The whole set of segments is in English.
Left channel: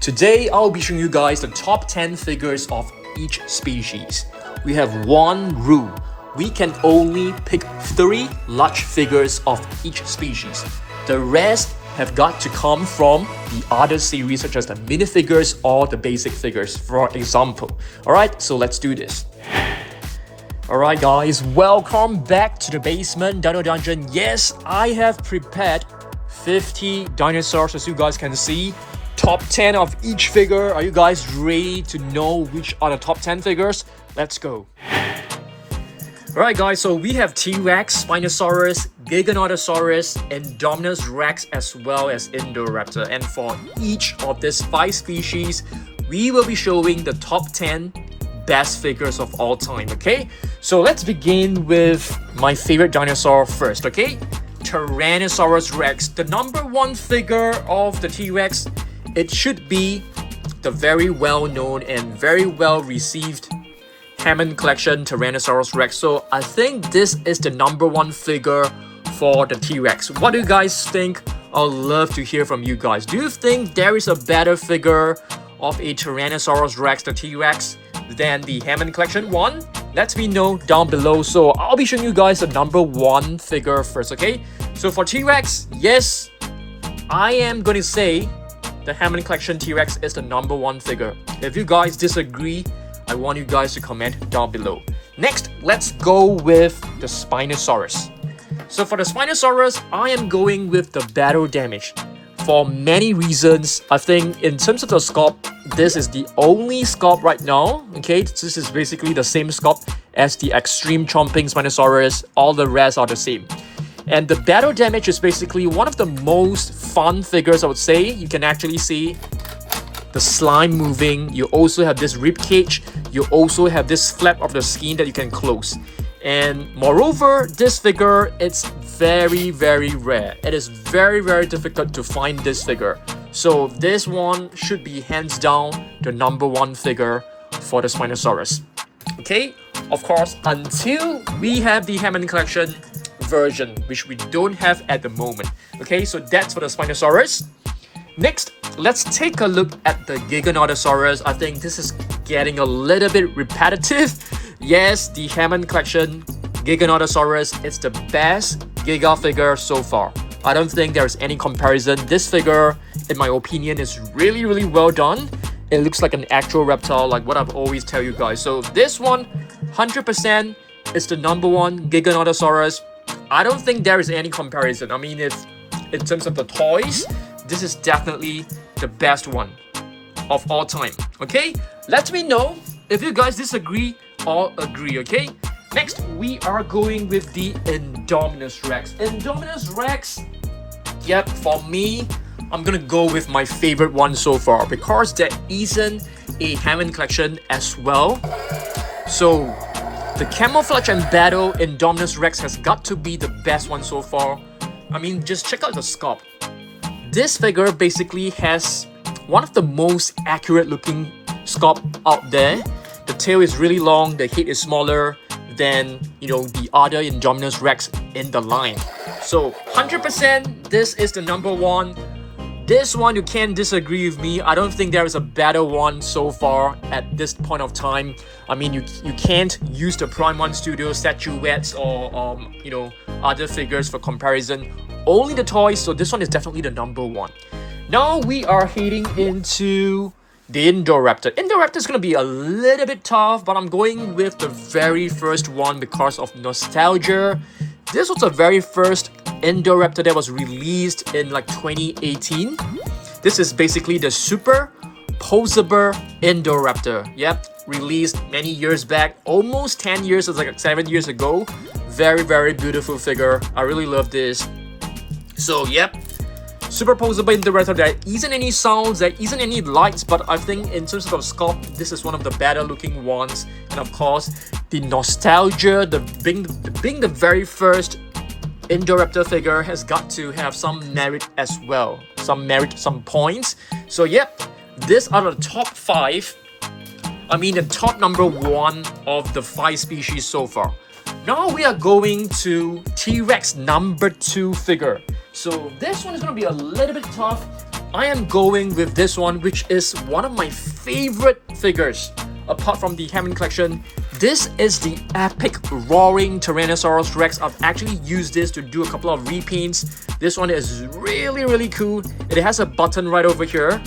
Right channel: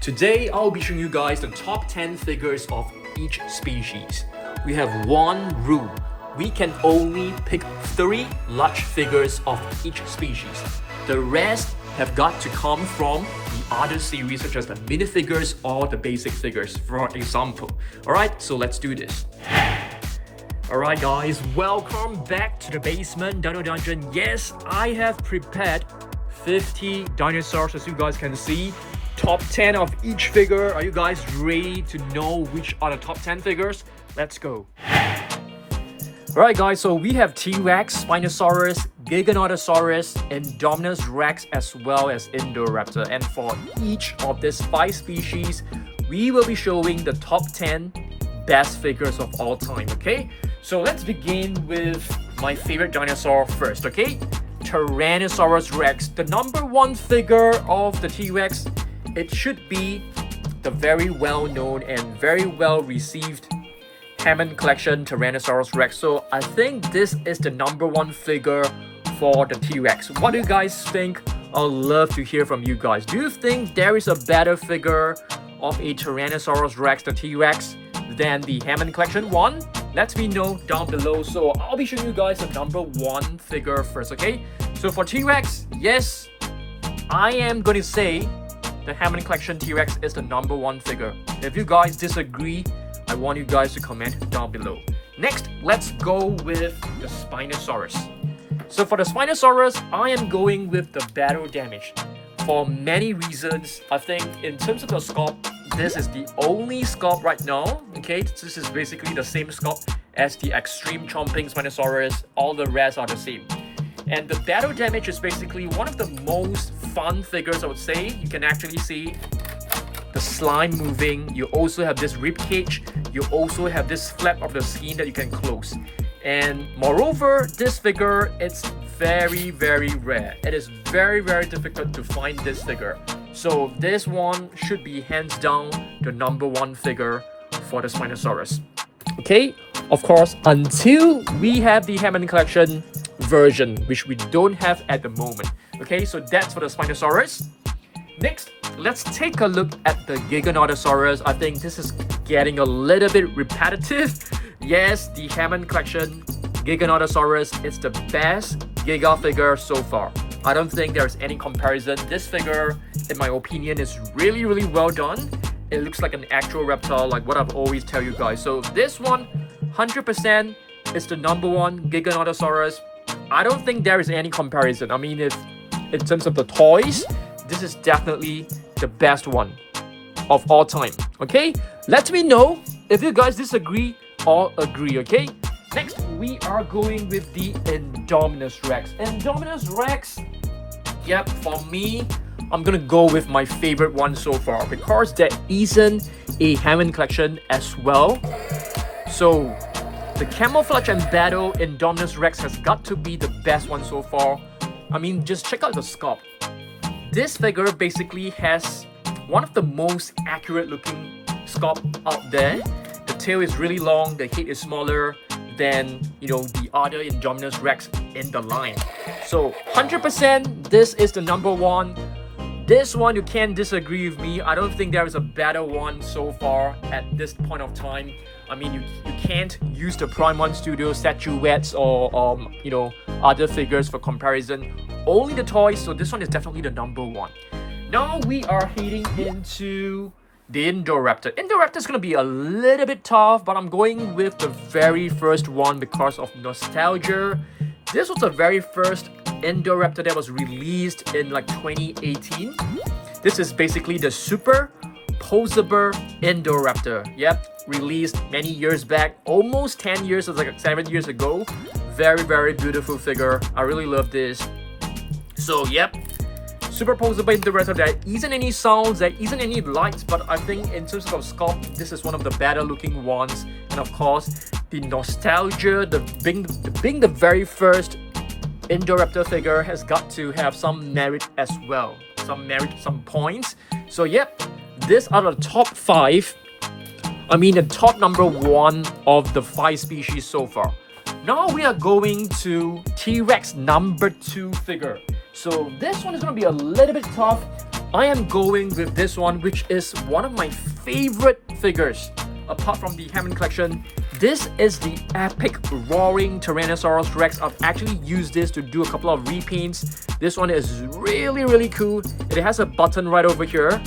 Today, I'll be showing you guys the top 10 figures of each species. We have one rule. We can only pick 3 large figures of each species. The rest have got to come from the other series such as the minifigures or the basic figures, for example. Alright, so let's do this. Alright guys, welcome back to the basement Dino Dungeon. Yes, I have prepared 50 dinosaurs as you guys can see. Top 10 of each figure. Are you guys ready to know which are the top 10 figures? Let's go. Alright guys, so we have T-Rex, Spinosaurus, Giganotosaurus, Indominus Rex as well as Indoraptor. And for each of these 5 species, we will be showing the top 10 best figures of all time, okay? So let's begin with my favorite dinosaur first, okay? Tyrannosaurus Rex, the number 1 figure of the T-Rex. It should be the very well-known and very well-received Hammond Collection Tyrannosaurus Rex. So I think this is the number 1 figure for the T-Rex. What do you guys think? I'd love to hear from you guys. Do you think there is a better figure of a Tyrannosaurus Rex, the T-Rex, than the Hammond Collection one? Let me know down below. So I'll be showing you guys the number 1 figure first, okay? So for T-Rex, yes, I am going to say the Hammond Collection T-Rex is the number 1 figure. If you guys disagree, I want you guys to comment down below. Next, let's go with the Spinosaurus. So for the Spinosaurus, I am going with the battle damage. For many reasons, I think in terms of the sculpt, this is the only sculpt right now. Okay, this is basically the same sculpt as the extreme chomping Spinosaurus. All the rest are the same. And the battle damage is basically one of the most fun figures, I would say. You can actually see the slime moving. You also have this rib cage. You also have this flap of the skin that you can close. And moreover, this figure, it's very, very rare. It is very, very difficult to find this figure. So this one should be hands down the number 1 figure for the Spinosaurus. Okay, of course, until we have the Hammond Collection version, which we don't have at the moment. Okay, so that's for the Spinosaurus. Next, let's take a look at the Giganotosaurus. I think this is getting a little bit repetitive. Yes, the Hammond Collection Giganotosaurus is the best Giga figure so far. I don't think there's any comparison. This figure, in my opinion, is really, really well done. It looks like an actual reptile, like what I've always tell you guys. So this one, 100% is the number 1 Giganotosaurus. I don't think there is any comparison. I mean, if in terms of the toys, this is definitely the best one of all time. Okay, let me know if you guys disagree or agree. Okay, next we are going with the Indominus Rex. Indominus Rex, yep, for me, I'm gonna go with my favorite one so far because there isn't a Hammond Collection as well. So the camouflage and battle Indominus Rex has got to be the best one so far. I mean, just check out the sculpt. This figure basically has one of the most accurate looking sculpt out there. The tail is really long, the head is smaller than, the other Indominus Rex in the line. So 100% this is the number 1. This one, you can't disagree with me. I don't think there is a better one so far at this point of time. I mean, you can't use the Prime 1 Studio statuettes or, other figures for comparison. Only the toys, so this one is definitely the number 1. Now we are heading into the Indoraptor. Indoraptor is going to be a little bit tough, but I'm going with the very first one because of nostalgia. This was the very first Indoraptor that was released in like 2018. This is basically the super posable Indoraptor. Yep, released many years back, almost 10 years, it's like 7 years ago. Very, very beautiful figure. I really love this. So yep, super posable Indoraptor. There isn't any sounds, there isn't any lights, but I think in terms of sculpt, this is one of the better looking ones. And of course, the nostalgia, being the very first Indoraptor figure has got to have some merit as well. Some points. So yep, these are the top 5. I mean the top number 1 of the 5 species so far. Now we are going to T-Rex number 2 figure. So this one is going to be a little bit tough I am going with this one, which is one of my favorite figures apart from the Hammond collection. This is the epic roaring Tyrannosaurus Rex. I've actually used this to do a couple of repaints. This one is really cool. It has a button right over here,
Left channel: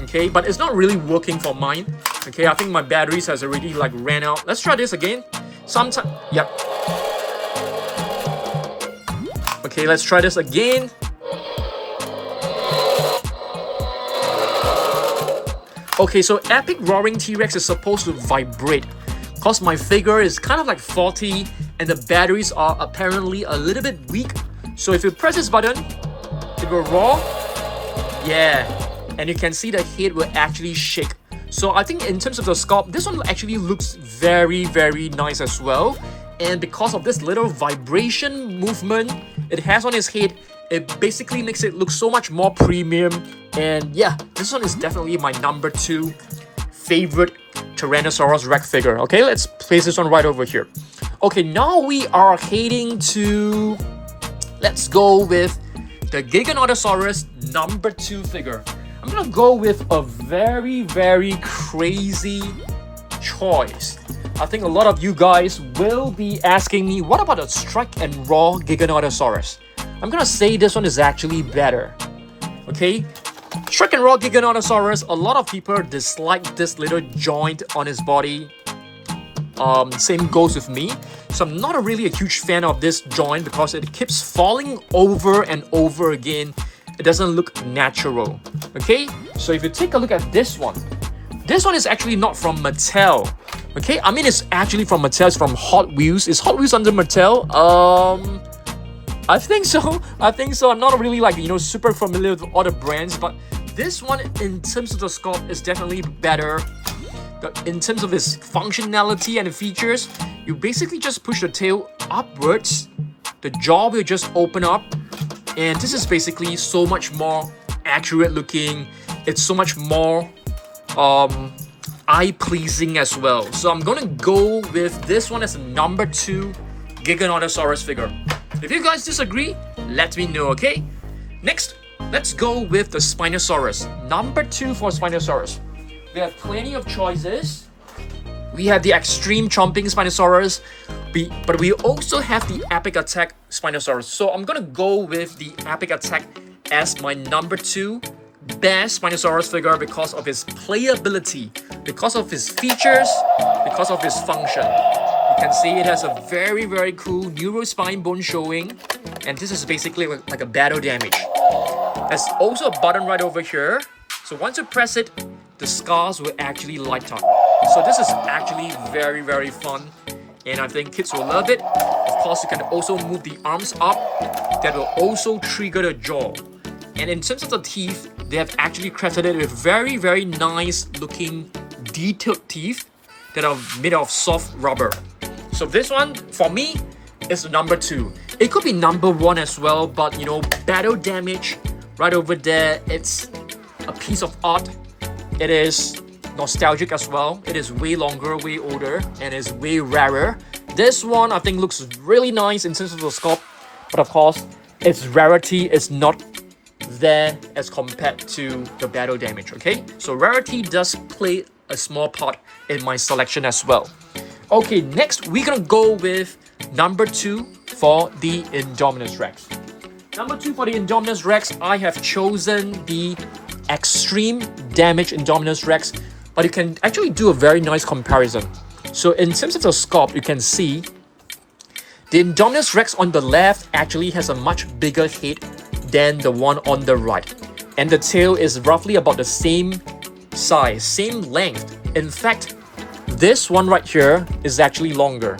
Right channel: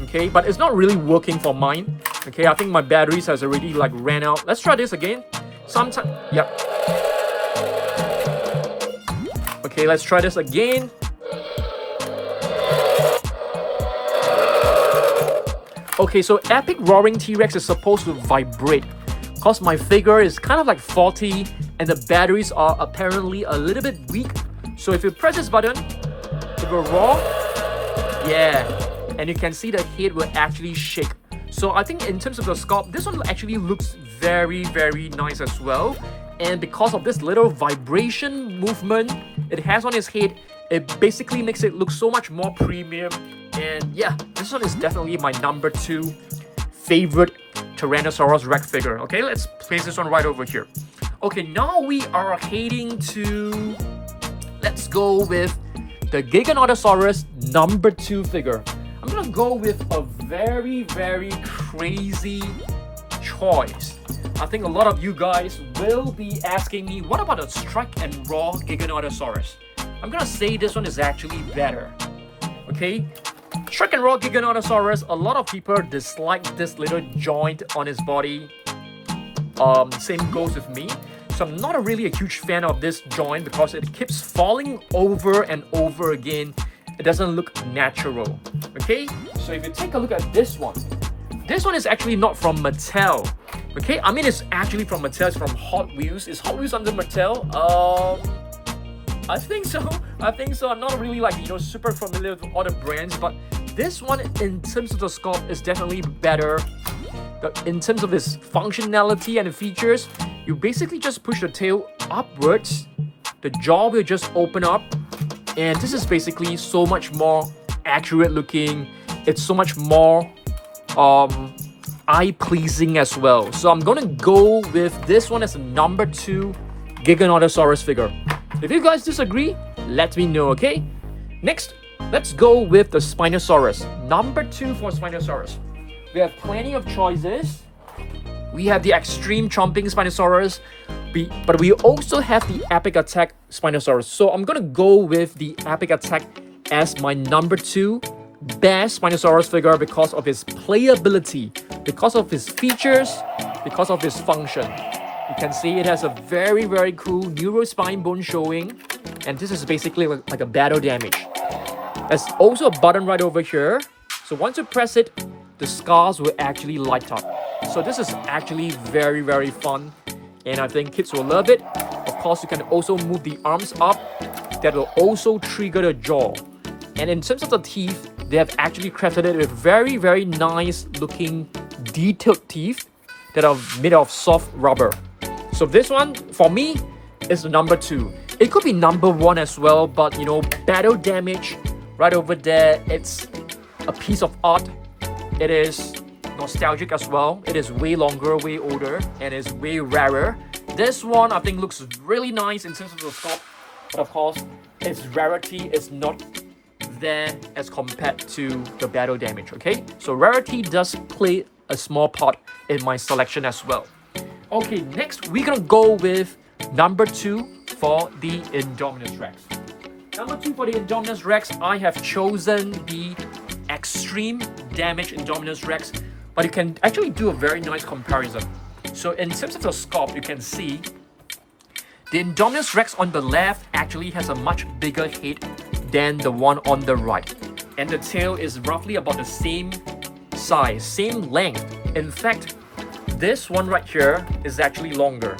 okay, but it's not really working for mine. Okay, I think my batteries has already like ran out. Let's try this again. Yep. Okay, let's try this again. Okay, so epic roaring T-Rex is supposed to vibrate because my figure is kind of like faulty and the batteries are apparently a little bit weak. So if you press this button, it will roar. Yeah, and you can see the head will actually shake. So I think in terms of the sculpt, this one actually looks very nice as well. And because of this little vibration movement it has on his head, it basically makes it look so much more premium. And yeah, this one is definitely my number 2 favorite Tyrannosaurus Rex figure. Okay, let's place this one right over here. Okay, now we are heading to... Let's go with the Giganotosaurus number 2 figure. I'm gonna go with a very crazy choice. I think a lot of you guys will be asking me, what about a Strike and Raw Giganotosaurus? I'm gonna say this one is actually better. Okay, Strike and Raw Giganotosaurus, a lot of people dislike this little joint on his body. Same goes with me. So I'm not really a huge fan of this joint because it keeps falling over and over again. It doesn't look natural. Okay, so if you take a look at this one is actually not from Mattel. Okay, I mean it's actually from Mattel, it's from Hot Wheels. Is Hot Wheels under Mattel? I think so. I'm not really like, super familiar with all the brands, but this one in terms of the sculpt is definitely better. In terms of its functionality and the features, you basically just push the tail upwards, the jaw will just open up, and this is basically so much more accurate looking. It's so much more eye-pleasing as well. So I'm gonna go with this one as a number 2 Giganotosaurus figure. If you guys disagree, let me know, okay? Next, let's go with the Spinosaurus. Number 2 for Spinosaurus. We have plenty of choices. We have the extreme chomping Spinosaurus, but we also have the epic attack Spinosaurus. So I'm gonna go with the epic attack as my number 2 best Spinosaurus figure because of his playability, because of his features, because of his function. You can see it has a very cool neurospine bone showing, and this is basically like a battle damage. There's also a button right over here, so once you press it, the scars will actually light up. So this is actually very fun, and I think kids will love it. Of course, you can also move the arms up. That will also trigger the jaw. And in terms of the teeth, they have actually crafted it with very nice looking detailed teeth that are made of soft rubber. So this one, for me, is number 2. It could be number 1 as well, but battle damage right over there, it's a piece of art. It is nostalgic as well. It is way longer, way older, and is way rarer. This one, I think, looks really nice in terms of the sculpt, but of course, its rarity is not there as compared to the battle damage, okay? So rarity does play a small part in my selection as well. Okay, next we're gonna go with number 2 for the Indominus Rex. Number 2 for the Indominus Rex, I have chosen the extreme damage Indominus Rex, but you can actually do a very nice comparison. So in terms of the sculpt, you can see the Indominus Rex on the left actually has a much bigger head than the one on the right, and the tail is roughly about the same size, same length. In fact, this one right here is actually longer.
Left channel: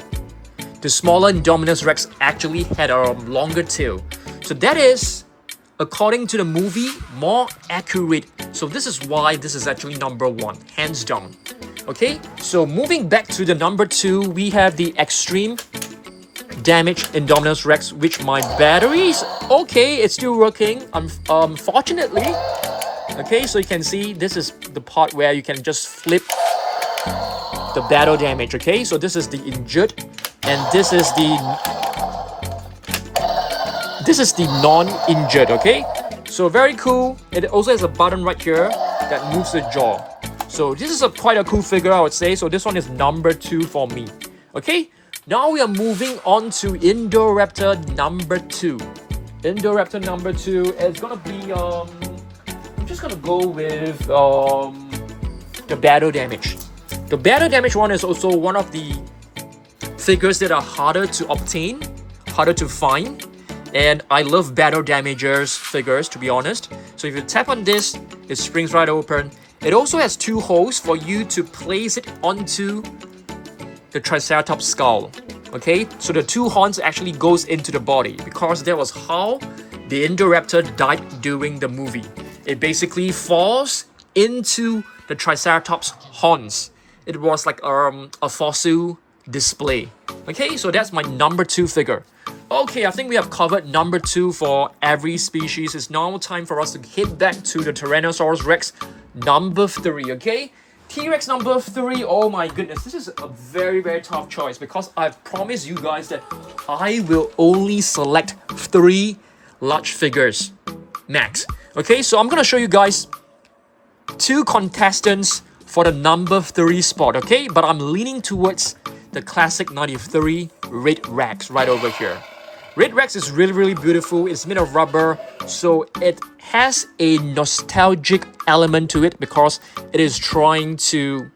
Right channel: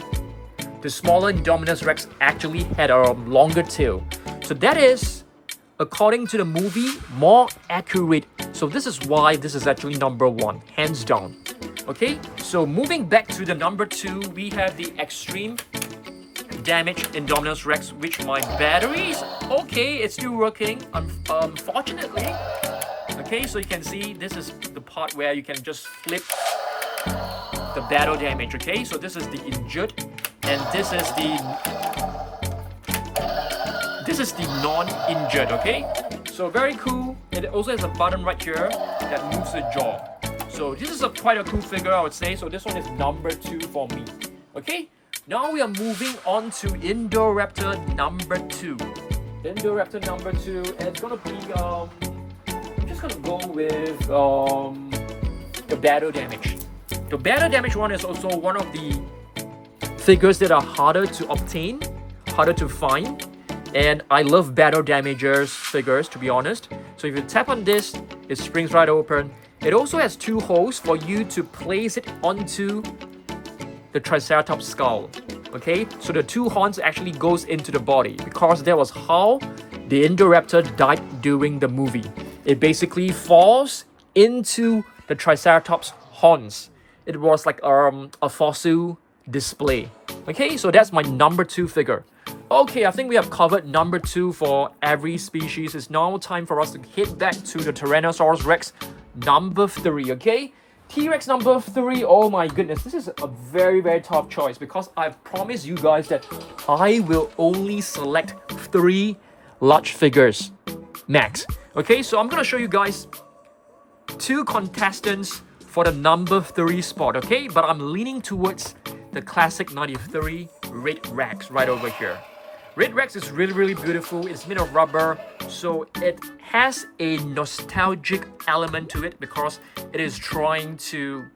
The smaller Indominus Rex actually had a longer tail. So that is, according to the movie, more accurate. So this is why this is actually number 1, hands down. Okay, so moving back to the number 2, we have the extreme damage Indominus Rex, which my batteries, okay, it's still working, unfortunately. Okay, so you can see this is the part where you can just flip the battle damage. Okay, so this is the injured, and this is the non-injured. Okay, so very cool. it also has a button right here that moves the jaw. So this is quite a cool figure, I would say. So this one is number 2 for me. Okay, now we are moving on to Indoraptor number 2. Indoraptor number 2 is gonna be I'm just gonna go with the battle damage. The battle damage one is also one of the figures that are harder to obtain, harder to find. And I love battle damagers figures, to be honest. So if you tap on this, it springs right open. It also has 2 holes for you to place it onto the Triceratops skull. Okay, so the 2 horns actually goes into the body, because that was how the Indoraptor died during the movie. It basically falls into the Triceratops horns. It was like a fossil display. Okay, so that's my number 2 figure. Okay, I think we have covered number 2 for every species. It's now time for us to head back to the Tyrannosaurus Rex number 3, okay? T-Rex number 3, oh my goodness, this is a very, very tough choice, because I've promised you guys that I will only select 3 large figures, max. Okay, so I'm gonna show you guys 2 contestants for the number 3 spot, okay? But I'm leaning towards the classic 93 Red Rex right over here. Red Rex is really, really beautiful. It's made of rubber, so it has a nostalgic element to it, because it is trying to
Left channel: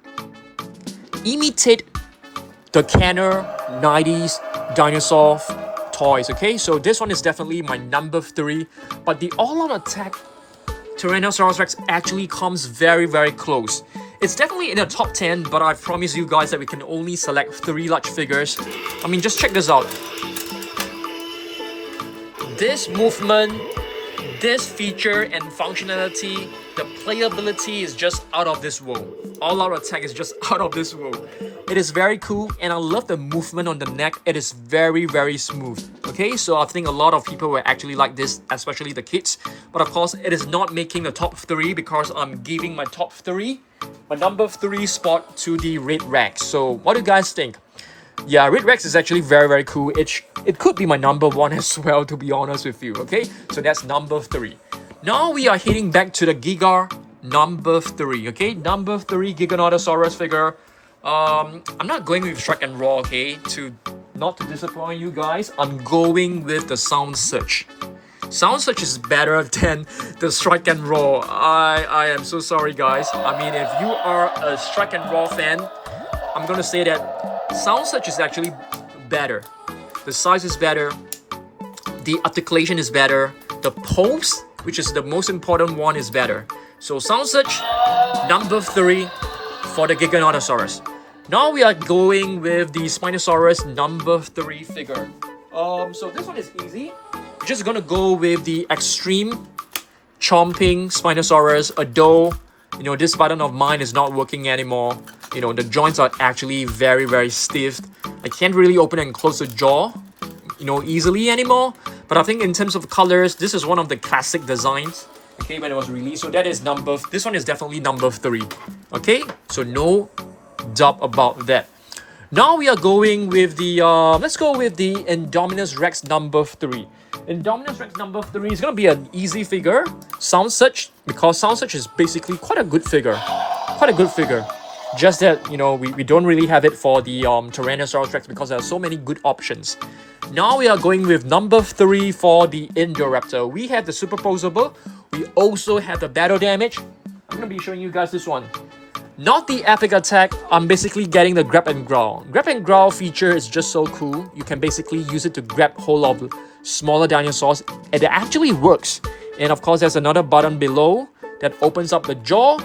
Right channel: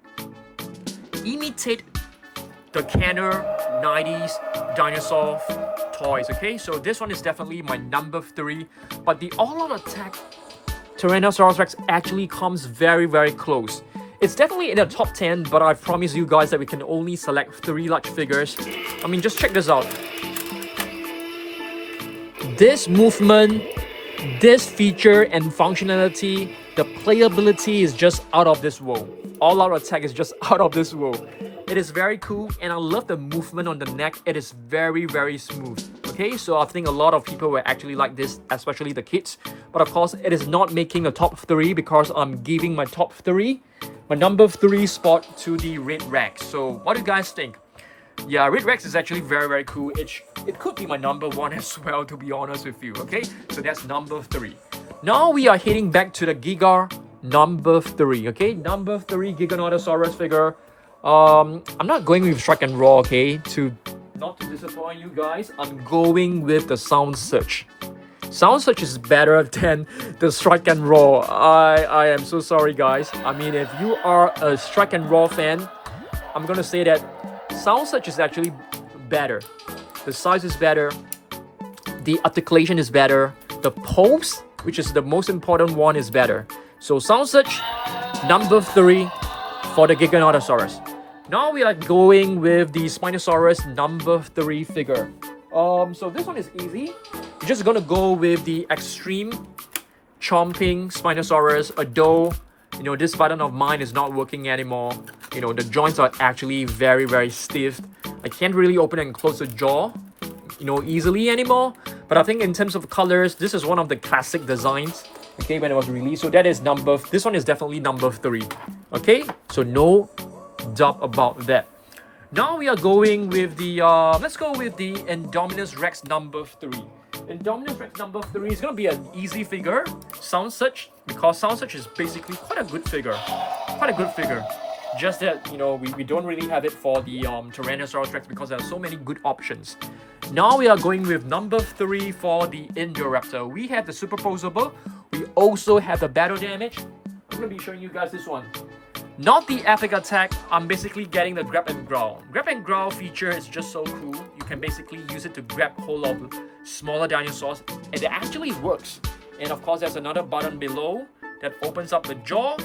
imitate the Kenner 90s dinosaur toys, okay? So this one is definitely my number 3, but the all-out attack Tyrannosaurus Rex actually comes very, very close. It's definitely in the top 10, but I've promised you guys that we can only select 3 large figures. I mean, just check this out. This movement, this feature and functionality, the playability is just out of this world. All-out attack is just out of this world. It is very cool, and I love the movement on the neck. It is very, very smooth. Okay, so I think a lot of people will actually like this, especially the kids. But of course, it is not making the top 3, because I'm giving my top 3, my number 3 spot to the Red Rex. So what do you guys think? Yeah, Red Rex is actually very, very cool. It could be my number 1 as well, to be honest with you, okay? So that's number 3. Now we are heading back to the Giga number 3, okay? Number 3 Giganotosaurus figure. I'm not going with Strike and Roar, okay? Not to disappoint you guys, I'm going with the Sound Search. Sound Search is better than the Strike and Roar. I am so sorry, guys. I mean, if you are a Strike and Roar fan, I'm gonna say that Sound Search is actually better. The size is better. The articulation is better. The pose, which is the most important one, is better. So Sound Search, number 3 for the Giganotosaurus. Now we are going with the Spinosaurus number 3 figure. So this one is easy. We're just gonna go with the extreme chomping Spinosaurus, although this button of mine is not working anymore. The joints are actually very, very stiff. I can't really open and close the jaw, easily anymore. But I think in terms of colors, this is one of the classic designs, okay, when it was released. So that is this one is definitely number 3, okay? So no doubt about that. Now we are going with the, let's go with the Indominus Rex number 3. Indominus Rex number 3 is going to be an easy figure. Sound Search, because Sound Search is basically quite a good figure. Just that, we don't really have it for the Tyrannosaurus Rex, because there are so many good options. Now we are going with number 3 for the Indoraptor. We have the superposable. We also have the battle damage. I'm going to be showing you guys this one. Not the epic attack, I'm basically getting the grab and growl. Grab and growl feature is just so cool. You can basically use it to grab hold of smaller dinosaurs, and it actually works. And of course, there's another button below that opens up the jaw.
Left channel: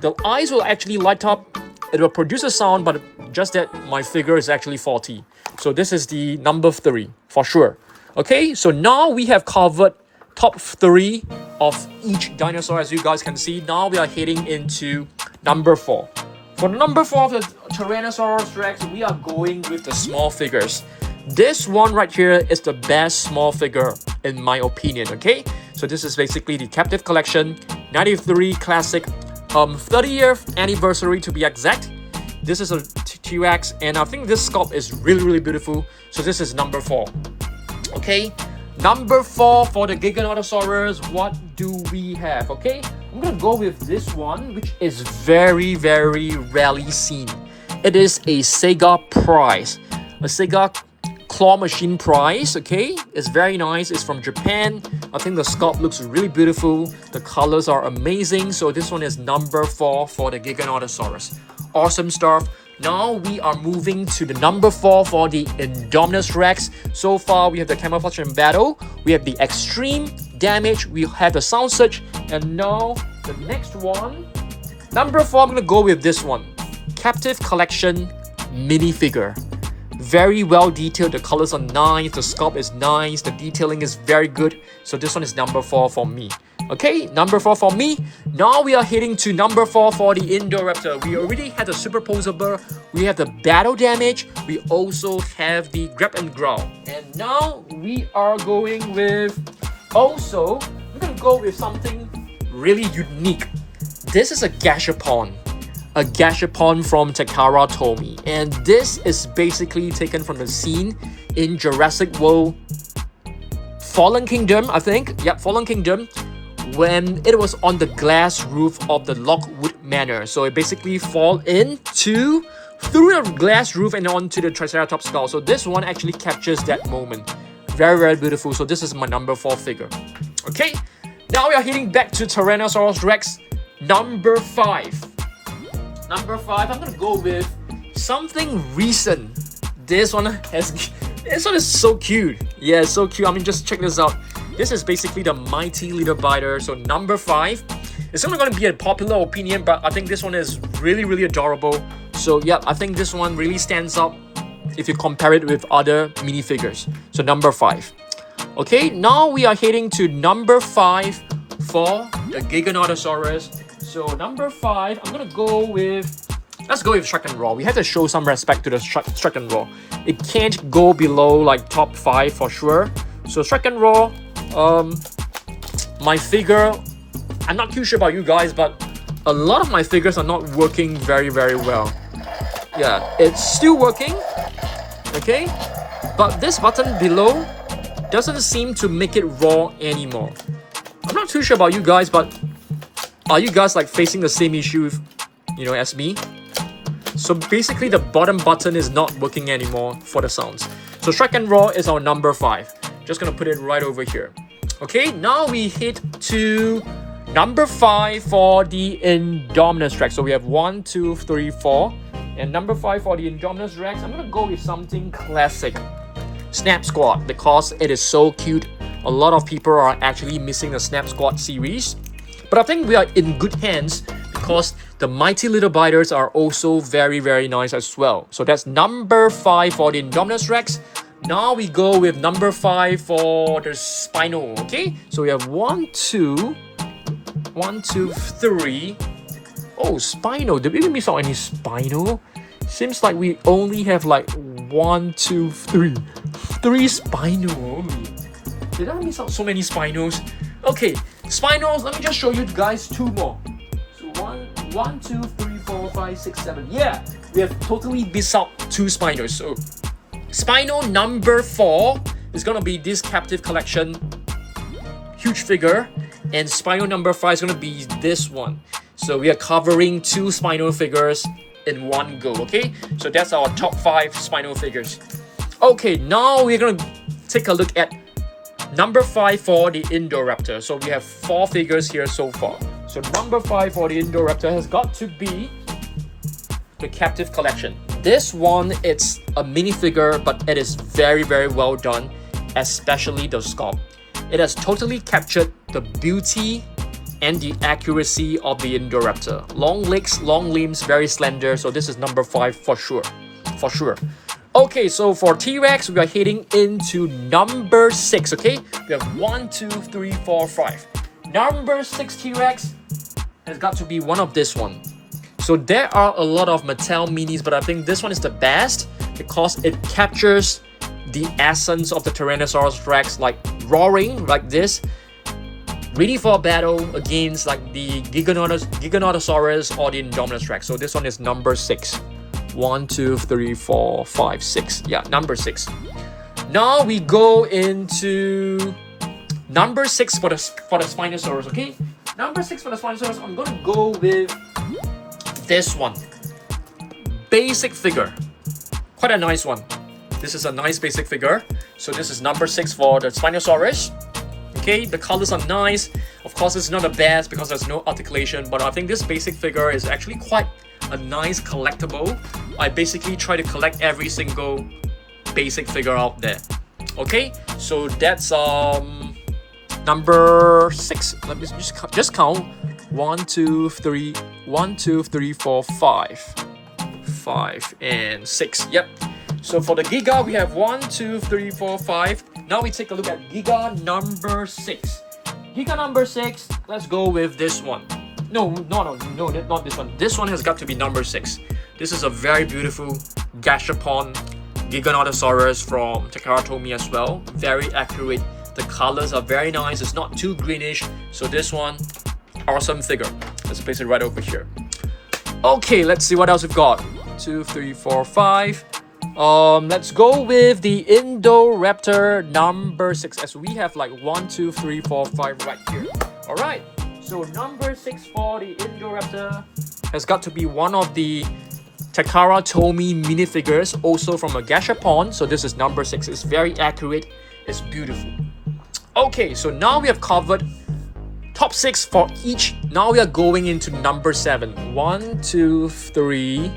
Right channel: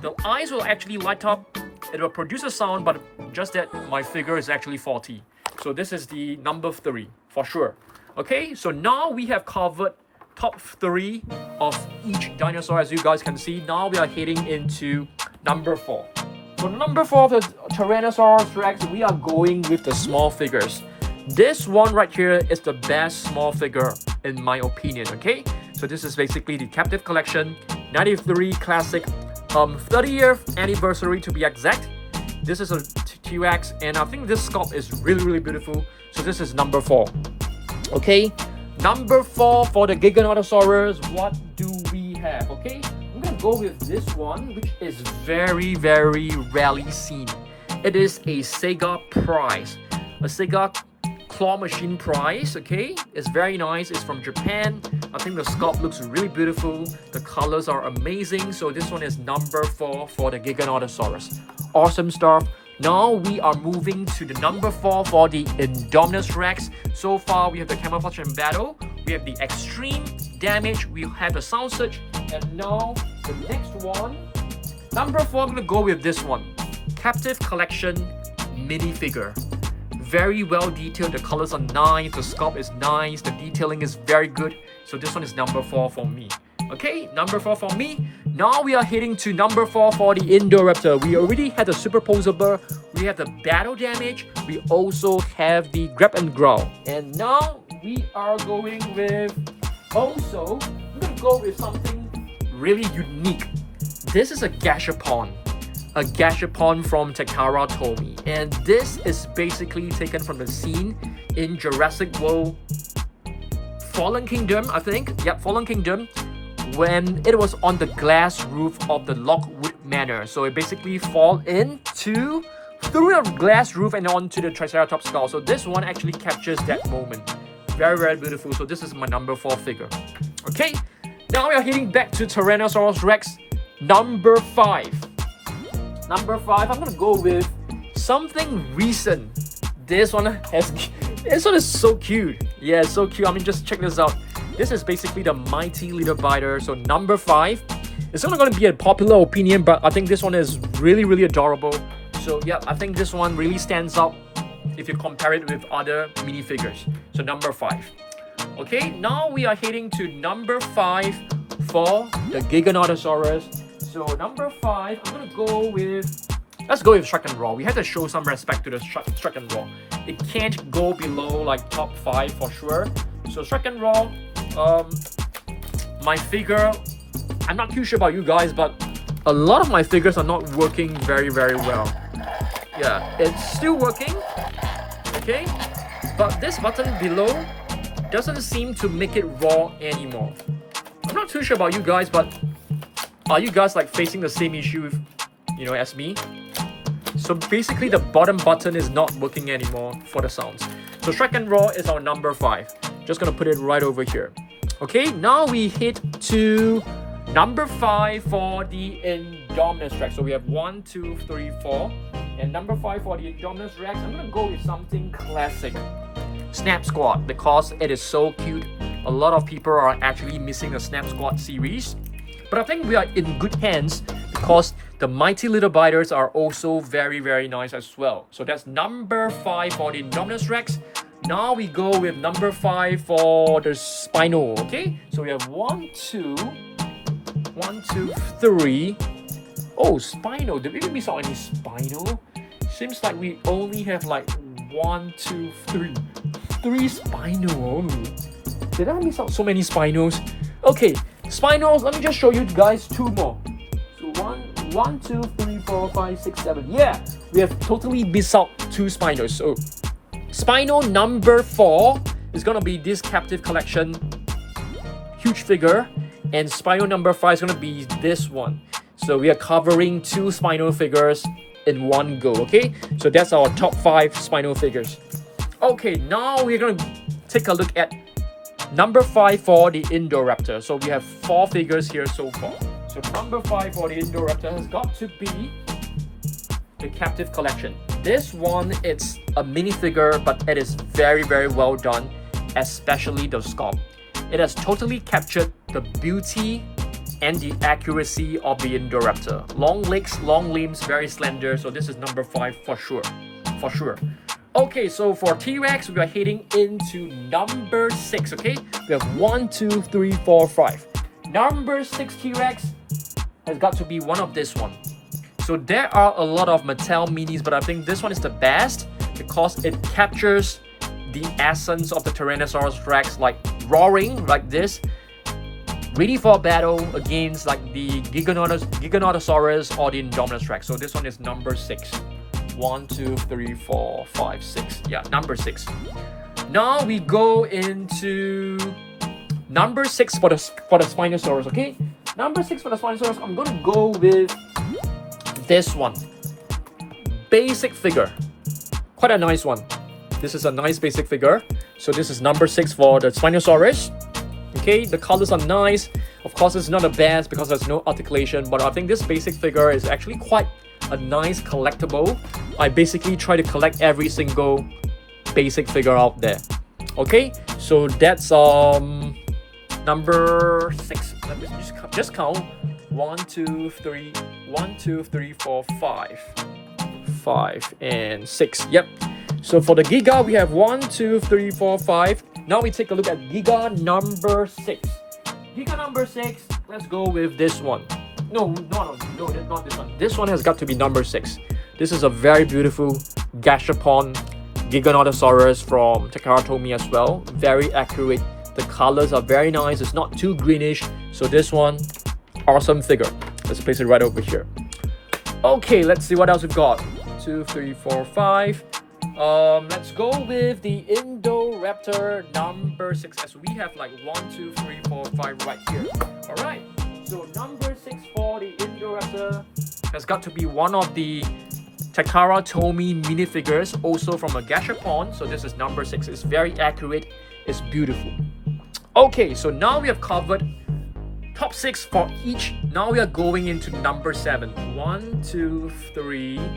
The eyes will actually light up. It will produce a sound, but just that my figure is actually faulty. So this is the number 3 for sure. Okay, so now we have covered top 3 of each dinosaur, as you guys can see. Now we are heading into number 4. For number 4 of the Tyrannosaurus Rex, we are going with the small figures. This one right here is the best small figure in my opinion, okay? So this is basically the captive collection, 93 classic, 30th anniversary to be exact. This is a T-Rex, and I think this sculpt is really, really beautiful. So this is number 4. Okay, Number 4 for the Giganotosaurus, what do we have? Okay, I'm gonna go with this one, which is very, very rarely seen. It is a Sega prize, a Sega claw machine prize. Okay, it's very nice. It's from Japan. I think the sculpt looks really beautiful. The colors are amazing. So this one is number 4 for the Giganotosaurus. Awesome stuff. Now we are moving to the number 4 for the Indominus Rex. So far we have the camouflage and battle, we have the extreme damage, we have the sound surge, and now the next one. Number 4, I'm gonna go with this one. Captive Collection minifigure. Very well detailed, the colors are nice, the sculpt is nice, the detailing is very good. So this one is number 4 for me. Okay, number 4 for me. Now we are heading to number 4 for the Indoraptor. We already had the superposable, we have the battle damage, we also have the grab and ground. And now we are going with, also, we're gonna go with something really unique. This is a Gashapon from Takara Tomy. And this is basically taken from the scene in Jurassic World Fallen Kingdom, I think. Yep, Fallen Kingdom. When it was on the glass roof of the Lockwood Manor. So it basically fall through the glass roof and onto the Triceratops skull. So this one actually captures that moment. Very, very beautiful. So this is my number 4 figure. Okay, now we are heading back to Tyrannosaurus Rex, number 5. Number 5, I'm gonna go with something recent. This one is so cute. Yeah, so cute. I mean, just check this out. This is basically the mighty little biter. So number 5. It's not going to be a popular opinion, but I think this one is really, really adorable. So yeah, I think this one really stands out if you compare it with other minifigures. So number 5. Okay, now we are heading to number 5 for the Giganotosaurus. So number 5, I'm gonna go with, let's go with Shrek and Raw. We have to show some respect to the Shrek and Raw. It can't go below like top 5 for sure. So Shrek and Raw, my figure, I'm not too sure about you guys, but a lot of my figures are not working very, very well. Yeah, it's still working, okay? But this button below doesn't seem to make it raw anymore. I'm not too sure about you guys, but are you guys like facing the same issue, as me? So basically the bottom button is not working anymore for the sounds. So Shrek and Raw is our number 5. Just gonna put it right over here. Okay, now we hit to number 5 for the Indominus Rex. So we have 1, 2, 3, 4. And number 5 for the Indominus Rex, I'm gonna go with something classic. Snap Squad, because it is so cute. A lot of people are actually missing the Snap Squad series. But I think we are in good hands because the mighty little biters are also very, very nice as well. So that's number 5 for the Indominus Rex. Now we go with number 5 for the Spino, okay? So we have 1, 2, 3. Oh, Spino. Did we miss out any Spino? Seems like we only have like 1, 2, 3. 3 Spino only. Did I miss out so many Spinos? Okay, Spinos, let me just show you guys 2 more. So 1, 2, 3, 4, 5, 6, 7. Yeah, we have totally missed out 2 Spinos. So Spino number 4 is gonna be this Captive Collection huge figure, and Spino number 5 is gonna be this one. So we are covering 2 Spino figures in one go, okay? So that's our top 5 Spino figures. Okay, now we're gonna take a look at number 5 for the Indoraptor. So we have 4 figures here so far. So number 5 for the Indoraptor has got to be the Captive Collection. This one, it's a minifigure, but it is very, very well done, especially the sculpt. It has totally captured the beauty and the accuracy of the Indoraptor. Long legs, long limbs, very slender. So this is number 5 for sure. For sure. Okay, so for T-Rex, we are heading into number 6, okay? We have 1, 2, 3, 4, 5. Number 6 T-Rex has got to be one of this one. So there are a lot of Mattel minis, but I think this one is the best because it captures the essence of the Tyrannosaurus Rex, like roaring like this, ready for battle against like the Giganotosaurus or the Indominus Rex. So this one is number 6. 1, 2, 3, 4, 5, 6. Yeah, number 6. Now we go into number 6 for the Spinosaurus, okay? Number 6 for the Spinosaurus, I'm gonna go with this one. Basic figure. Quite a nice one. This is a nice basic figure. So this is number 6 for the Spinosaurus. Okay, the colors are nice. Of course, it's not the best because there's no articulation, but I think this basic figure is actually quite a nice collectible. I basically try to collect every single basic figure out there. Okay, so that's number 6. Let me just count. 1, 2, 3, 1, 2, 3, 4, 5. 5 and 6. Yep. So for the Giga, we have 1, 2, 3, 4, 5. Now we take a look at Giga number 6. Giga number 6, let's go with this one. No, not this one. This one has got to be number 6. This is a very beautiful gashapon Giganotosaurus from Takara Tomy as well. Very accurate. The colors are very nice. It's not too greenish. So this one, awesome figure. Let's place it right over here. Okay, let's see what else we've got. 2, 3, 4, 5. Let's go with the Indoraptor number 6, as we have like 1, 2, 3, 4, 5 right here. Alright, so number 6 for the Indoraptor has got to be one of the Takara Tomy minifigures, also from a gashapon. So this is number 6. It's very accurate. It's beautiful. Okay, so now we have covered top 6 for each. Now we are going into number 7. 1, 2, 3,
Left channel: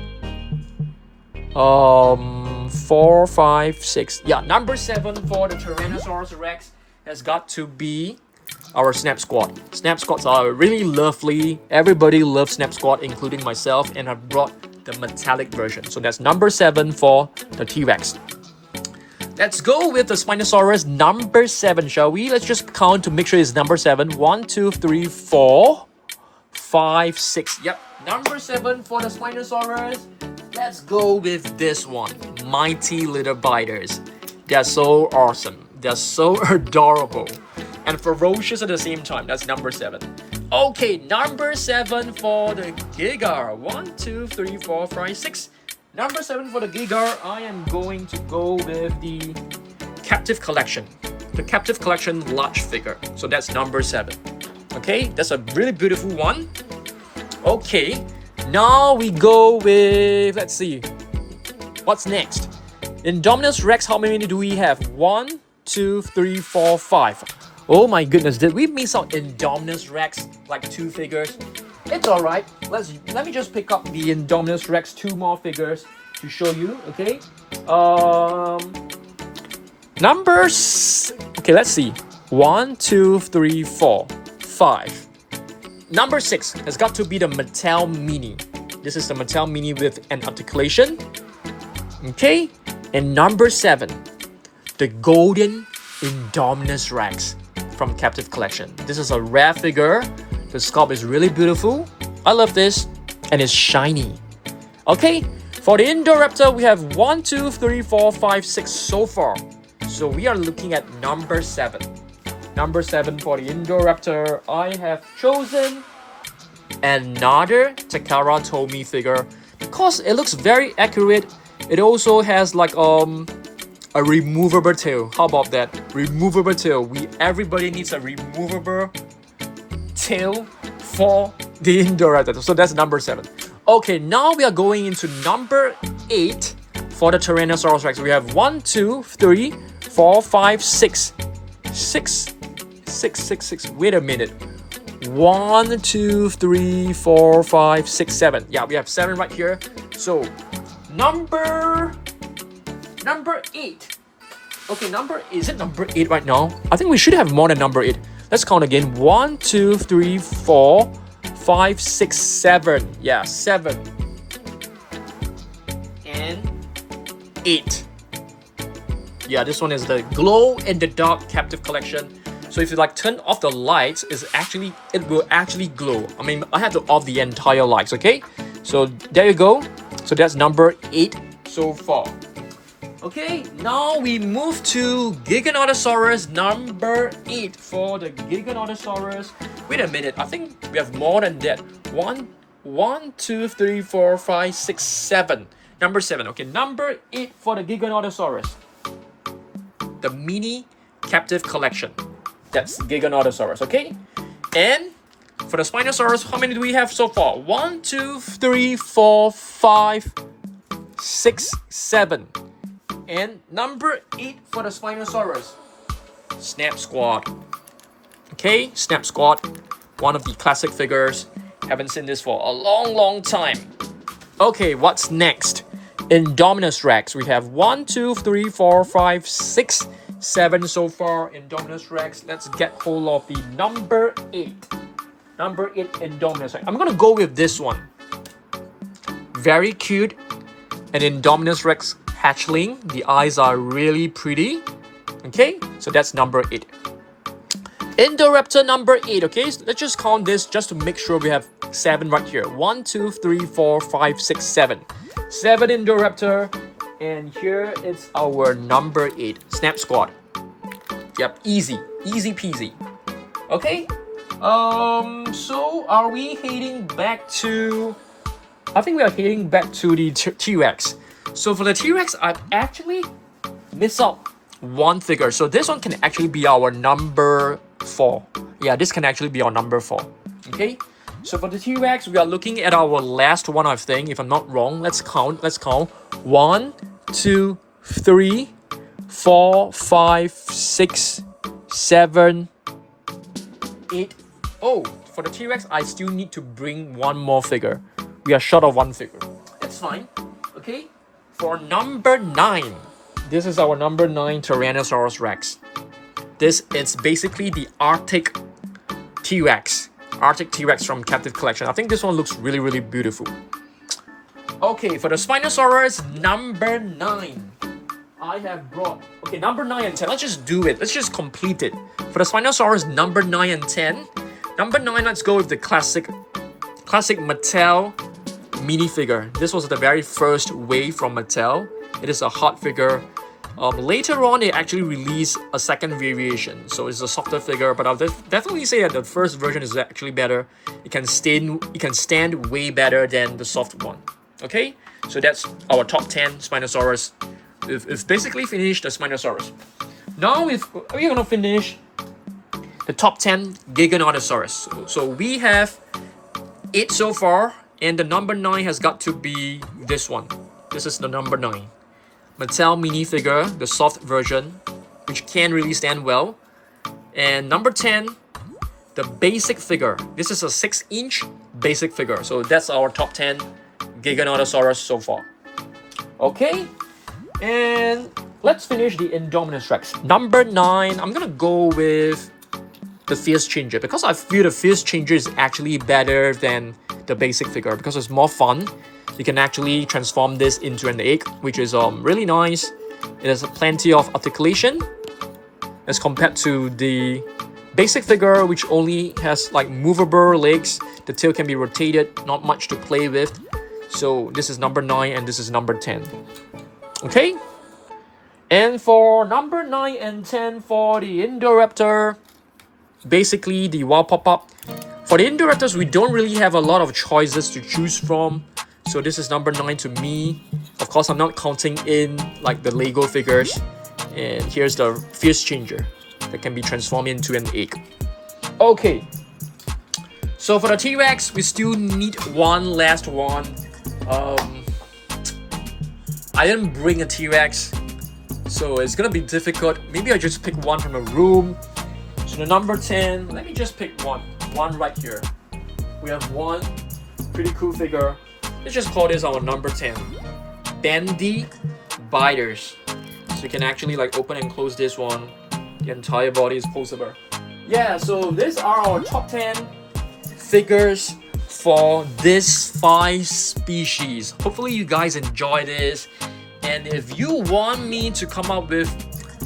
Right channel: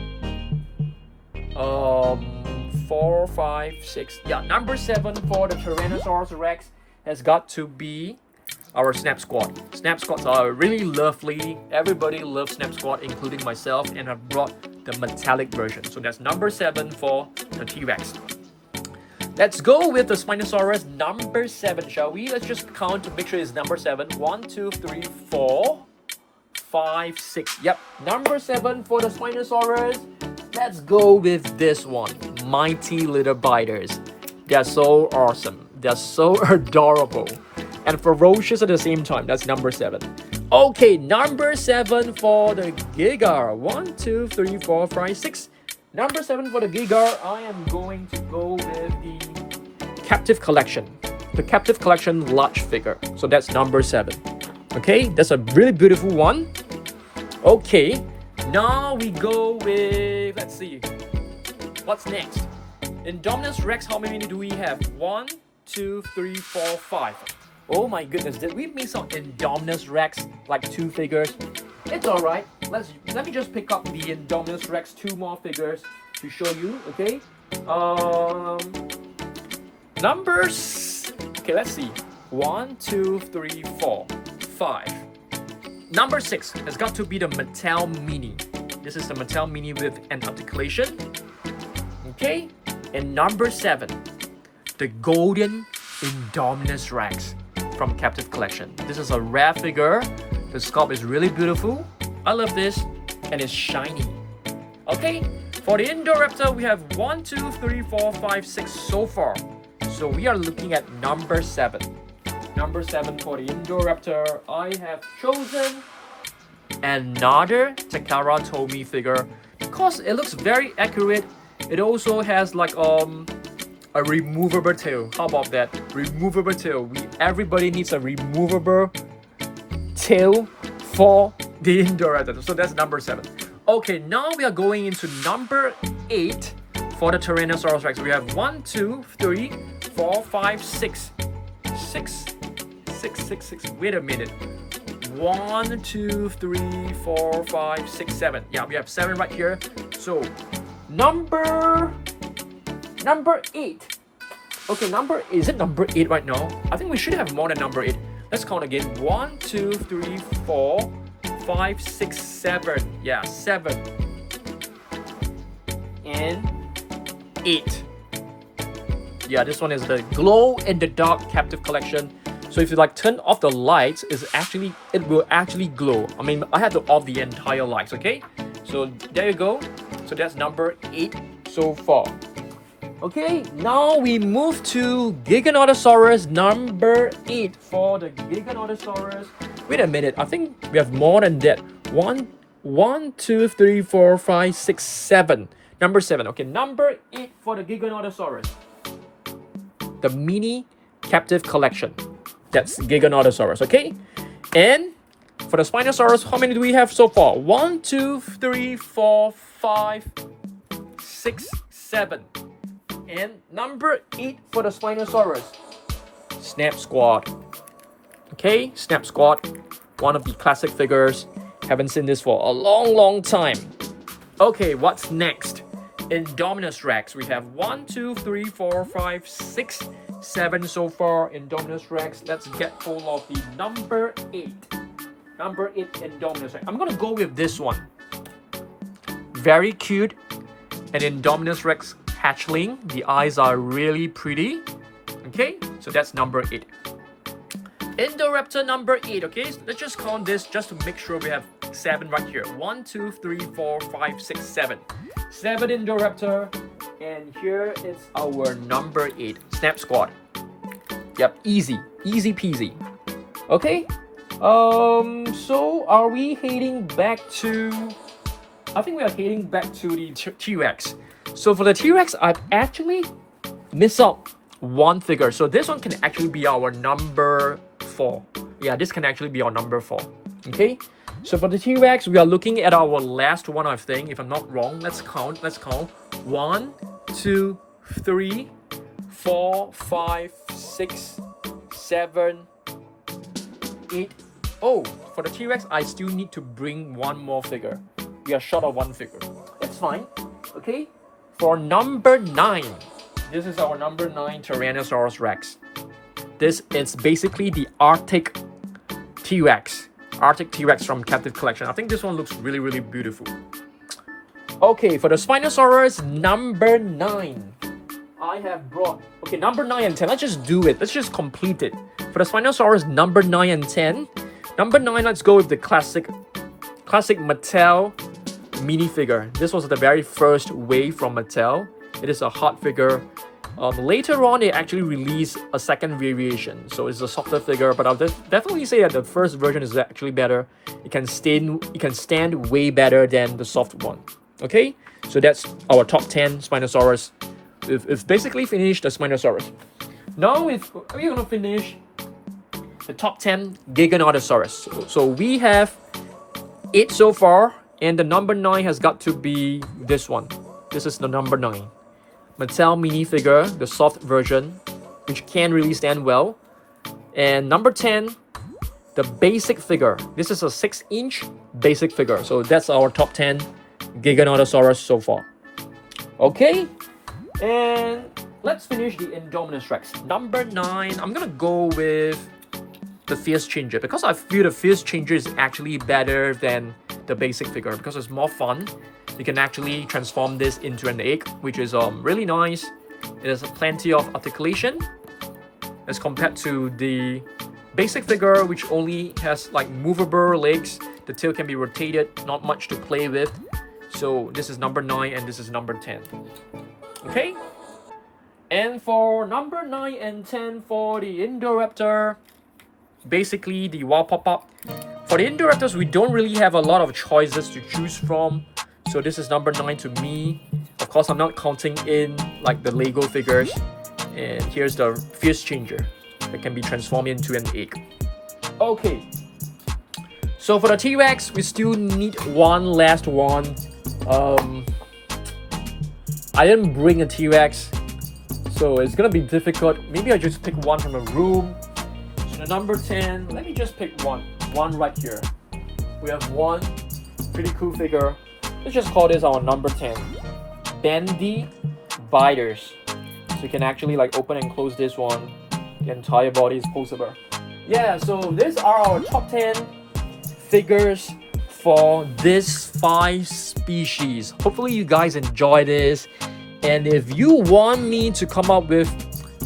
4, 5, 6. Yeah, number 7 for the Tyrannosaurus Rex has got to be our Snap Squad. Snap Squads are really lovely. Everybody loves Snap Squad, including myself, and I've brought the metallic version. So that's number 7 for the T-Rex. Let's go with the Spinosaurus number 7, shall we? Let's just count to make sure it's number 7. 1, 2, 3, 4, 5, 6. Yep, number 7 for the Spinosaurus. Let's go with this one. Mighty little biters. They're so awesome. They're so adorable. And ferocious at the same time. That's number 7. Okay, number 7 for the Giga. 1, 2, 3, 4, 5, 6. Number 7 for the Giga, I am going to go with the Captive Collection. The Captive Collection large figure. So that's number 7. Okay, that's a really beautiful one. Okay, now we go with, let's see, what's next? Indominus Rex, how many do we have? 1, 2, 3, 4, 5. Oh my goodness, did we miss out Indominus Rex, like 2 figures? It's alright. Let me just pick up the Indominus Rex 2 more figures to show you, okay? Numbers. Okay, let's see. 1, 2, 3, 4, 5. Number 6 has got to be the Mattel Mini. This is the Mattel Mini with an articulation. Okay? And number 7, the Golden Indominus Rex from Captive Collection. This is a rare figure. The sculpt is really beautiful. I love this. And it's shiny. Okay? For the Indoraptor, we have 1, 2, 3, 4, 5, 6 so far. So we are looking at number 7. Number 7 for the Indoraptor, I have chosen another Takara Tomy figure because it looks very accurate. It also has like a removable tail. How about that? Removable tail. Everybody needs a removable tail for the Indoraptor. So that's number 7. Okay, now we are going into number 8 for the Tyrannosaurus Rex. We have 1, 2, 3, 4, 5, 6. 6. Wait a minute. 1, 2, 3, 4, 5, 6, 7. Yeah, we have 7 right here. So number 8. Okay, is it number 8 right now? I think we should have more than number 8. Let's count again. 1, 2, 3, 4, 5, 6, 7. Yeah, 7. And 8. Yeah, this one is the glow in the dark Captive Collection. So if you like turn off the lights, it will actually glow. I mean, I have to off the entire lights, okay? So there you go. So that's number 8 so far. Okay, now we move to Giganotosaurus number 8 for the Giganotosaurus. Wait a minute, I think we have more than that. 1, 2, 3, 4, 5, 6, 7. Number 7. Okay, number 8 for the Giganotosaurus. the mini captive collection. That's Giganotosaurus, okay? And for the Spinosaurus, how many do we have so far? 1, 2, 3, 4, 5, 6, 7. And number 8 for the Spinosaurus, Snap Squad. Okay, Snap Squad, one of the classic figures. Haven't seen this for a long time. Okay, what's next? Indominus Rex. We have 1, 2, 3, 4, 5, 6, 7 so far. Indominus Rex. Let's get hold of the number 8. Number 8 Indominus Rex. I'm gonna go with this one. Very cute. An Indominus Rex hatchling. The eyes are really pretty. Okay, so that's number 8. Indoraptor number 8, okay? So let's just count this just to make sure we have 7 right here. 1, 2, 3, 4, 5, 6, 7. 7 Indoraptor. And here is our number 8, Snap Squad. Yep, easy peasy. Okay? So are we heading back to... I think we are heading back to the T-Rex. So for the T-Rex, I've actually missed out one figure. So this one can actually be our number 4. Yeah, this can actually be our number 4. Okay? So for the T-Rex, we are looking at our last one, I think, if I'm not wrong. Let's count. 1, 2, 3, 4, 5, 6, 7, 8. Oh, for the T-Rex, I still need to bring one more figure. We are short of one figure. That's fine. Okay? For number 9, this is our number 9 Tyrannosaurus Rex. This is basically the Arctic T-Rex. Arctic T-Rex from Captive Collection. I think this one looks really beautiful. Okay, for the Spinosaurus number 9, I have brought... Okay, number 9 and 10. Let's just do it. Let's just complete it. For the Spinosaurus number 9 and 10. Number 9, let's go with the classic Mattel minifigure. This was the very first wave from Mattel. It is a hot figure. Later on, they actually released a second variation, so it's a softer figure. But I'll definitely say that the first version is actually better. It can stand way better than the soft one. Okay, so that's our top 10 Spinosaurus. We've basically finished the Spinosaurus. Now we're gonna finish the top 10 Giganotosaurus. So we have 8 so far, and the number 9 has got to be this one. This is the number 9. Mattel minifigure, the soft version, which can really stand well. And number 10, the basic figure. This is a 6-inch basic figure. So that's our top 10 Giganotosaurus so far. Okay, and let's finish the Indominus Rex. Number 9, I'm gonna go with the Fierce Changer, because I feel the Fierce Changer is actually better than the basic figure because it's more fun. You can actually transform this into an egg, which is really nice. It has plenty of articulation as compared to the basic figure, which only has like movable legs. The tail can be rotated, not much to play with. So this is number 9 and this is number 10. Okay? And for number 9 and 10 for the Indoraptor, basically the wild pop-up. For the Indoraptors, we don't really have a lot of choices to choose from. So this is number 9 to me. Of course, I'm not counting in like the Lego figures. And here's the Fierce Changer that can be transformed into an egg. Okay. So for the T-Rex, we still need one last one. I didn't bring a T-Rex, so it's gonna be difficult. Maybe I just pick one from a room. So the number 10, let me just pick one right here. We have one pretty cool figure. Let's just call this our number 10. Bendy Biters. So you can actually like open and close this one. The entire body is posable. Yeah, so these are our top 10 figures for this 5 species. Hopefully you guys enjoy this. And if you want me to come up with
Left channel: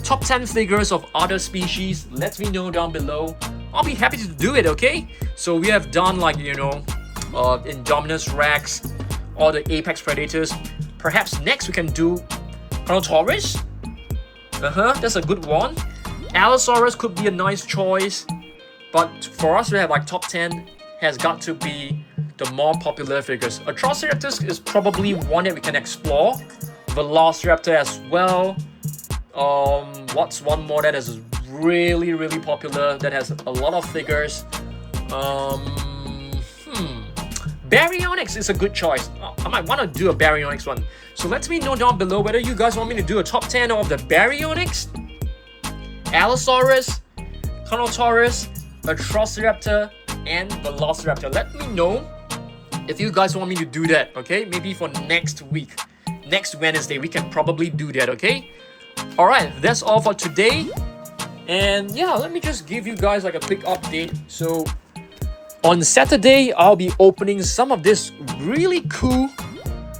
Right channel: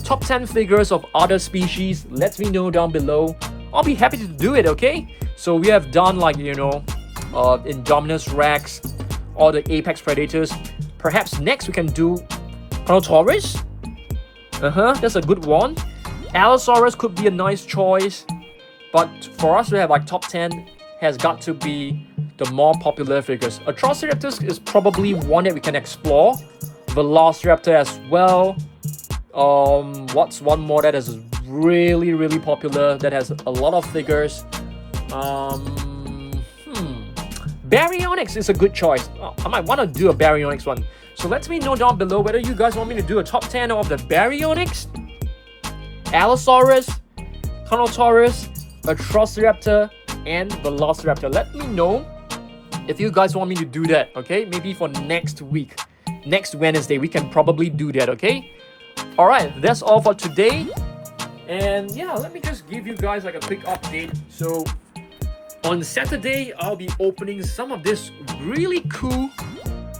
top 10 figures of other species, let me know down below. I'll be happy to do it, okay? So we have done like, Indominus Rex, all the apex predators. Perhaps next we can do Giganotosaurus. That's a good one. Allosaurus could be a nice choice. But for us to have like top 10 has got to be the more popular figures. Atrociraptor is probably one that we can explore. Velociraptor as well. What's one more that is really, really popular, that has a lot of figures? Baryonyx is a good choice. I might want to do a Baryonyx one. So let me know down below whether you guys want me to do a top 10 of the Baryonyx, Allosaurus, Giganotosaurus, Atrociraptor, and Velociraptor. Let me know if you guys want me to do that, okay? Maybe for next week. Next Wednesday, we can probably do that, okay? Alright, that's all for today. And yeah, let me just give you guys like a quick update. So on Saturday, I'll be opening some of this really cool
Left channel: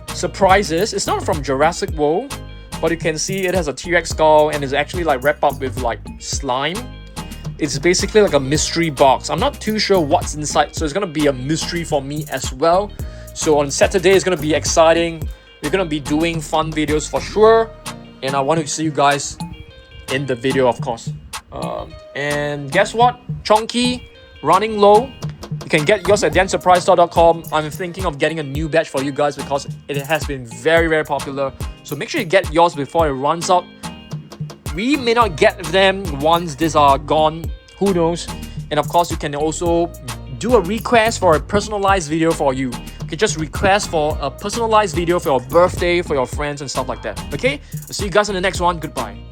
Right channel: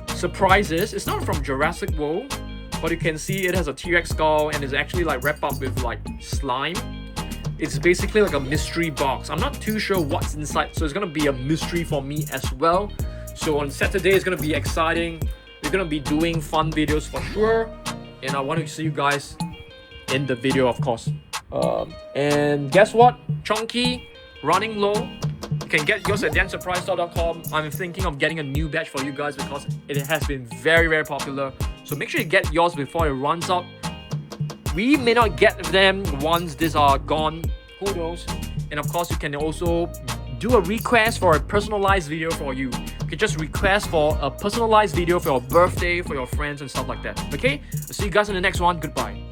surprises. It's not from Jurassic World, but you can see it has a T-Rex skull and is actually like wrapped up with like slime. It's basically like a mystery box. I'm not too sure what's inside, so it's gonna be a mystery for me as well. So on Saturday, it's gonna be exciting. We're gonna be doing fun videos for sure, and I want to see you guys in the video, of course. And guess what? Chunky, running low. You can get yours at dansurprisestore.com. I'm thinking of getting a new batch for you guys because it has been very, very popular. So make sure you get yours before it runs out. We may not get them once these are gone. Who knows? And of course, you can also do a request for a personalized video for you. You can just request for a personalized video for your birthday, for your friends and stuff like that. Okay? I'll see you guys in the next one. Goodbye.